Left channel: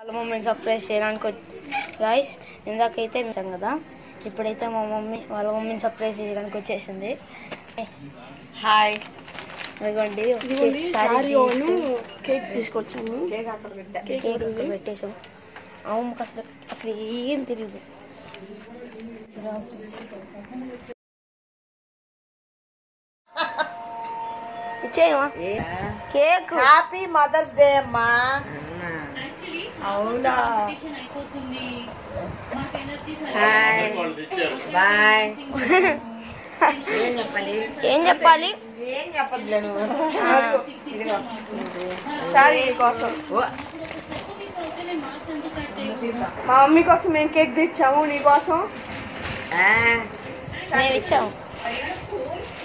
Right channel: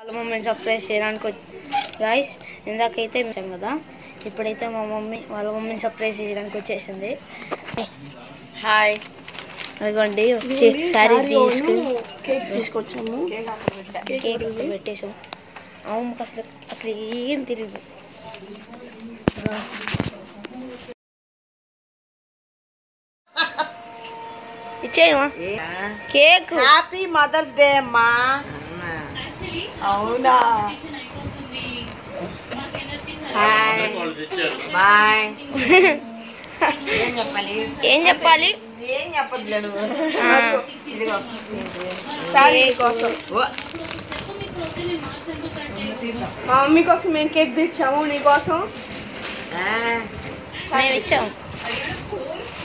వాళ్ళ మమ్మీని సర్ప్రైజ్ చేయడానికి గాయ్స్ ఇందాకైతే వచ్చాం కదా, ఇప్పుడైతే మా మమ్మీ వాళ్ళ మమ్మీని సర్ప్రైజ్ చేయడానికి వచ్చేసింది. హాయ్, అదిగోండి కేక్ తీసుకొచ్చాము. కేక్ పెట్టేసాం. అమ్మకి అసలు ఏం తెలియదు. ఇచ్చేయమా కేక్. హ్యాపీ మదర్స్ డే అమ్మా. అవునా? Hi bye. ఏం చెప్పాలి? ఏం చెప్పాలి? ఏం చెప్పలేదు. మా మమ్మీ కోసం మేము కేక్ తెచ్చాము. నీకోసం మేము ఇచ్చాము.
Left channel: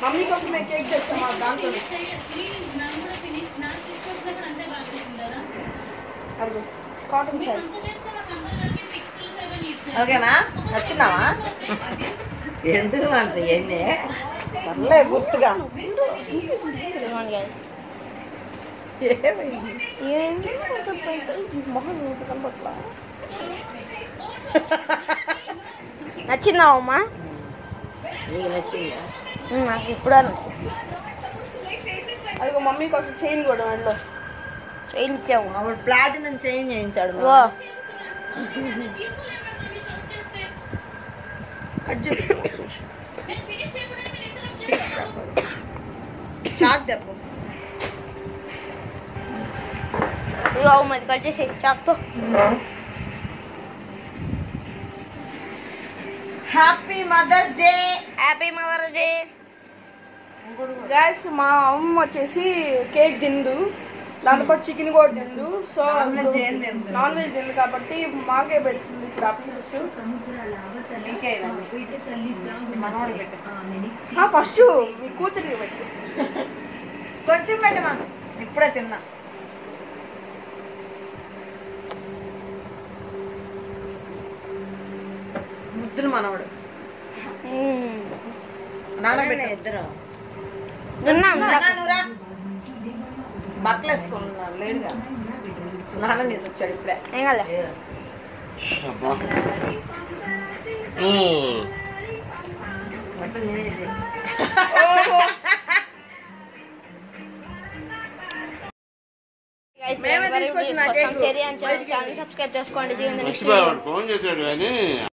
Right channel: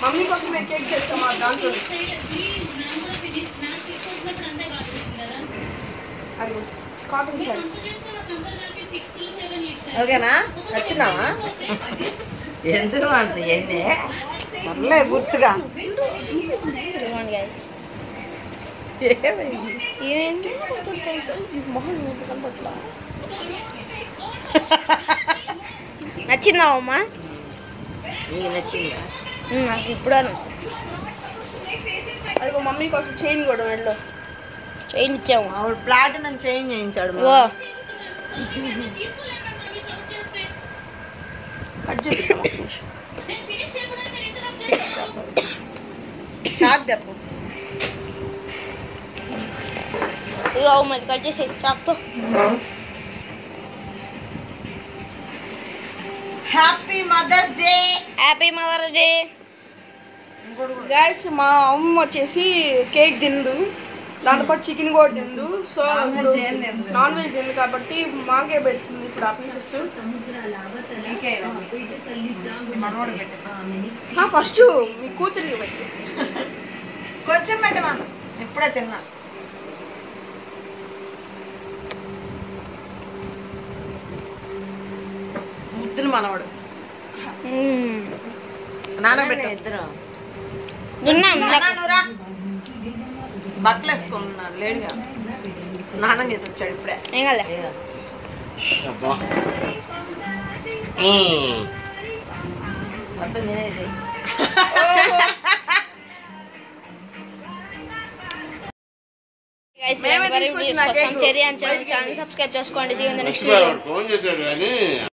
మమ్మీ కోసం మేము కేక్ తెచ్చాము. దాంట్లో కాటన్ సారీ. ఓకేనా? వచ్చిందావా? ఎందుకు అంత ఏంటి గుర్తుగా ఏమైంది? మొహం కనపట్లా. నచ్చిందా అమ్మా? నీకు నచ్చిందా? నాకు ఇప్పుడే నచ్చింది. అదిగో మమ్మీ కోసం చైన్ కూడా మెడలో చైన్ ఇచ్చాము. ఆవిడ ప్లాటినం చైన్ చేయించాడు. కట్ చేస్తాం. ఇగో అమ్మది కట్ చేసి చాక్తో. Happy mother's day. Happy mother's day. Guys మా అమ్మ వచ్చేసి కేక్ తిందు, దాంతోపాటు చికెన్ కూడా తిందు. సో నాన్ వెజ్ తిందు కాబట్టి మాకే పెడుతుంది ఇప్పుడు ఆ పీసెస్. ఫస్ట్ మీ కూతురికి పెట్టు. కొంచెం పెట్టమా, ఇప్పుడే తిన్నా. ముద్దులు మనవాడు. నానబెట్టు. ఇద్దరు బట్టలు వేసుకున్నాను లేడుగా. స్నానం చేసి వచ్చాడు ఇప్పుడే. మొత్తం తినేసి సబ్స్క్రైబ్ చేసుకోండి. Next video.